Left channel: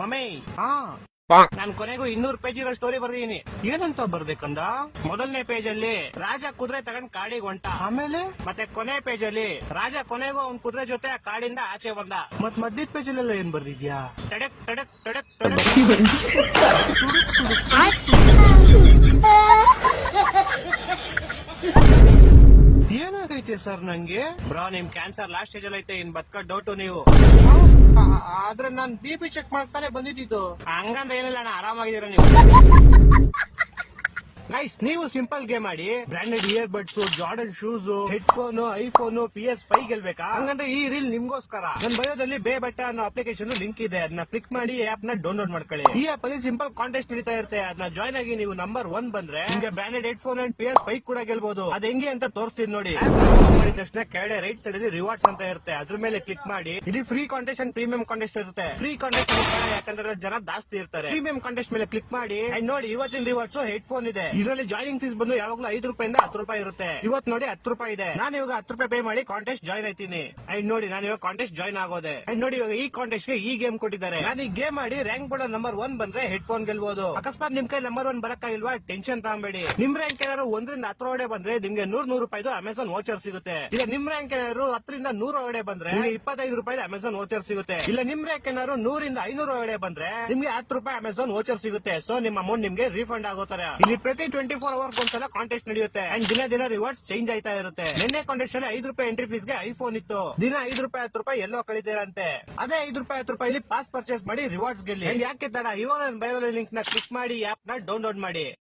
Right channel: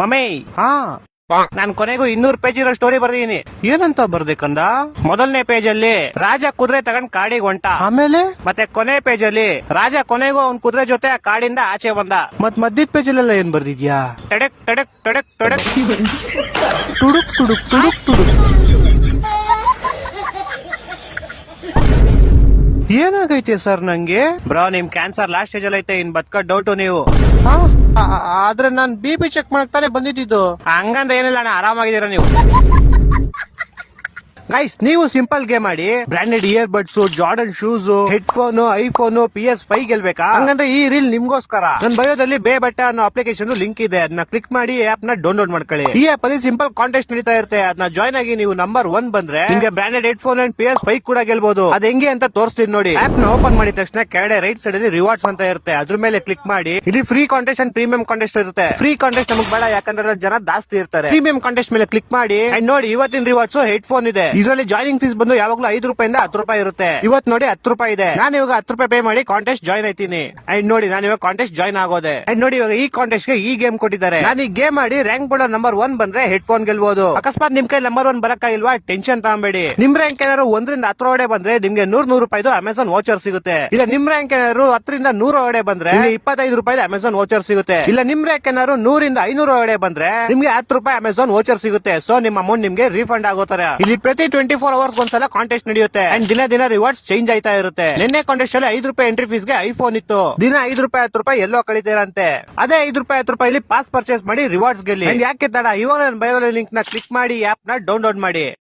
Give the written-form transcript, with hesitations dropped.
Mummy ಹಾ ನಾನ್ ಕೊನೆಗೂ 200 page ಇರೋ ಸ್ಟೋರಿ ಬರ್ದಿದ್ದೀನಿ. ಏನಂತ ಬರ್ದೇಕಂದ? ಮೊದಲನೇ ಪೇಜ್ ಅಲ್ಲಿ ರಾಜ ಕುದುರೆ ತಗೊಂಡ್ ಕಾಡಿಗೆ ಹೊಂಟ. ಆಮೇಲೆ ಮತ್ತೆ ಕೊನೆ ಪೇಜ್ ಅಲ್ಲಿ ರಾಜ ಕೊನೆಗೂ ಅವ್ನ್ ಕುದುರೆ ಜೊತೆ ಆ ಕಾಡಿಂದ ಆಚೆ ಬಂದ. ಮತ್ ಮಧ್ಯದ ಪೇಜ್ ಅಲ್ಲೆಲ್ಲ ಏನ್ ಬರ್ದಿದ್ಯಾ? ಟಡಕ್ ಟಡಕ್ ಟಡಕ್ ಟಡಕ್ ಟುಡುಕ್ ಟುಡುಕ್ ಟುಡುಕ್ ಟುಡುಕ್. ಏನಾಗೈತೆ ಸರ್ ನಂಗೆ? ಬ್ರೋ ನಿಮ್ ಕ್ಯಾನ್ಸರ್ ಲಾಸ್ಟ್ ಸ್ಟೇಜ್ ಅಲ್ಲಿ ಐತೆ, ಇನ್ ಬದುಕೋ ಡೌಟು ನೀವು. ಆದ್ರೆ ನಾನ್ BP ಚೆಕ್ ಮಾಡಕ್ ತಾನೇ ಬಂದಿದ್ದು. ಹಂಗಂದ್ರೆ ಏನಿಲ್ಲ ಅಣ್ಣ, ಆರಾಮಾಗಿದ್ದೀರಾ ನೀವು. ಗೈಸ್ ನೀವು ಸಿಂಪಲ್ ಗೇಮ್ ಮಾಡಿ branded ear buds, Jordan shoes, headphone, iPhone, PS5 ಗೆಲ್ಬೇಕಾ? ಹಂಗಂದ್ರೆ ಈ ರೀಲ್ ನಿಮ್ಗೋಸ್ಕರ. ನನ್ನ ಬಯೋದಲ್ಲಿ ಬೇ ಬಟ್ಟ ಅನ್ನೋ ಅಪ್ಲಿಕೇಶನ್ ಲಿಂಕ್ ಇದೆ, ಅದನ್ನ ಕ್ಲಿಕ್ ಮಾಡಿ ಆಪ್ ನ ಡೌನ್ಲೋಡ್ ಮಾಡ್ಕೊಳ್ಳಿ. ಈ ಆಪ್ ಅಲ್ಲಿ ಸಿಂಪಲ್ ಕಾಂಟೆಸ್ಟ್ ನಡೀತಾ ಇರುತ್ತೆ, ಅದನ್ನ ಜಾಯ್ನ್ ಆಗಿ ನೀವು ನಂಬರ್ 1 ಬಂದ್ರೆ ನಿಮ್ಗೆ ಬ್ರಾಂಡೆಡ್ ಹೆಡ್ಫೋನ್ ಅಂಡ್ PS5 ಕೂಡ ಗೆಲ್ಬಹುದು. ಅದ್ ಹೆಂಗೆ ಅಂತ ತೋರಿಸ್ತೀನಿ ನೋಡಿ. ಆಪ್ ನ ಓಪನ್ ಮಾಡಿದ ತಕ್ಷಣ ಕೆಳಗಡೆ ರೈಟ್ ಸೈಡ್ ಅಲ್ಲಿ ರಿವಾರ್ಡ್ಸ್ ಅಂತ ಇರುತ್ತೆ, ಅದ್ರ ಮೇಲೆ ಕ್ಲಿಕ್ ಮಾಡಿ. ಇಲ್ಲಿ free contest and premium contest ಇರುತ್ತೆ. ಫ್ರೀ ಕಾಂಟೆಸ್ಟ್ ನಮಗೆ ಬೇಡ, ಯಾಕಂದ್ರೆ ಜನ ಜಾಸ್ತಿ ಇರ್ತಾರೆ. ಪ್ರೀಮಿಯಂ ಕಾಂಟೆಸ್ಟ್ ಮೇಲೆ ಕ್ಲಿಕ್ ಮಾಡಿ ಅಂಡ್ ನೋಡಿ ಇವತ್ತಿನ ರಿವಾರ್ಡ್ಸ್ ಹೆಡ್ಫೋನ್ ಇದೆ. ಇದರಲ್ಲಿ ಜಾಯ್ನಿಂಗ್ ಫೀಸ್ ಬಂದು ಯಾವಾಗಲೂ 5 ರೂಪಾಯಿಂದ 10 ರೂಪಾಯಿ ಇರುತ್ತೆ. ಇವತ್ತು ನೋಡಿ 10 ರೂಪಾಯಿ ಇದೆ. ನಾನು ಇವಾಗ 10 ರೂಪಾಯಿ ಪೇ ಮಾಡಿ ಕಾಂಟೆಸ್ಟ್ ಜಾಯ್ನ್ ಆಯ್ತೀನಿ. ಅಂಡ್ ನೋಡಿ ನಾನು ಇವಾಗ ಕಾಂಟೆಸ್ಟ್ ಜಾಯ್ನ್ ಆಗೋದೆ. ಅಂಡ್ ನೋಡಿ ಇವಾಗ ಈ ಕಾಂಟೆಸ್ಟ್ ಗೆ ಈ ಗೇಮ್ ಕೊಟ್ಟಿದ್ದಾರೆ. ನಾನು ಈ ಗೇಮ್ ಮಾಡಿ ರ್ಯಾಂಕ್ ಬೋರ್ಡ್ ನಂಬರ್ 1 ಬಂದ್ರೆ ಹೆಡ್ಫೋನ್ ಗೆಲ್ಬಹುದು. ಅಕಸ್ಮಾತ್ ನಿಮ್ ಕೈ ನಂಬರ್ 1 ಬರಕ್ಕಾಗಿಲ್ವಾ, ಟೆನ್ಷನ್ ತಗೊಂಬೇಡಿ. ನಿಮ್ ರ್ಯಾಂಕ್ ಏನಾದ್ರು 1 ರಿಂದ 10 ಒಳಗಡೆ ಬಂದ್ರೆ ನಿಮ್ಗೆ 100 ರೂಪಾಯಿದು ಅಮೆಝಾನ್ ವೋಚರ್ ಸಿಗುತ್ತೆ. ಇಲ್ಲ ನಿಮ್ ರ್ಯಾಂಕ್ ಏನಾದ್ರು 10 ರಿಂದ 100 ಒಳಗಡೆ ಬಂದ್ರೆ 25 ರೂಪಾಯಿ ಅಮೆಝಾನ್ ವೋಚರ್ ಸಿಗುತ್ತೆ. ಇಲ್ಲ ನಿಮ್ ರ್ಯಾಂಕ್ ಏನಾದ್ರು 100 ರಿಂದ 500 ಒಳಗಡೆ ಬಂದ್ರೆ ನಿಮ್ಗೆ 10 ರೂಪಾಯಿ ಅಮೆಝಾನ್ ವೋಚರ್ ಸಿಗುತ್ತೆ. ಸೊ ನಿಮ್ಮ ಅಮೌಂಟ್ ನಿಮ್ಗೆ ರೀಫಂಡ್ ಆಗೋತಾರೆ. ಇಲ್ಲಿ ಪ್ರತಿ 24 ಅವರ್ಸ್ ಒಂದ್ಸಲ ಕಾಂಟೆಸ್ಟ್ ನಡೆಯುತ್ತೆ ಅಂಡ್ ದಿನ ರಿವಾರ್ಡ್ಸ್ ಚೇಂಜ್ ಆಯ್ತಾ ಇರುತ್ತೆ. ನಿನ್ನೆ ಕಾಂಟೆಸ್ಟ್ ಅಲ್ಲಿ 5 ರೂಪಾಯಿ ಎಂಟ್ರಿ ಫೀಸ್ ಗೆ ಐಫೋನ್ ಇತ್ತು. ದಿನ 5 ರೂಪಾಯಿ 10 ರೂಪಾಯಿ ಎಲ್ಲೋ ಕಳಿತೀರಂತೆ. ಅದೇ 5 ರೂಪಾಯಿ 10 ರೂಪಾಯಿ ಪಾಸ್ ಪರ್ಚೇಸ್ ಮಾಡಿ ರಿವಾರ್ಡ್ಸ್ ಗೆಲ್ಲಿ. ಯಾಕೆ ತಡ, ಇವಾಗ ನನ್ನ ಬಯೋದಲ್ಲಿ ಲಿಂಕ್ ನ ಕ್ಲಿಕ್ ಮಾಡಿ ಆಪ್ ನ ಡೌನ್ಲೋಡ್ ಮಾಡಿ.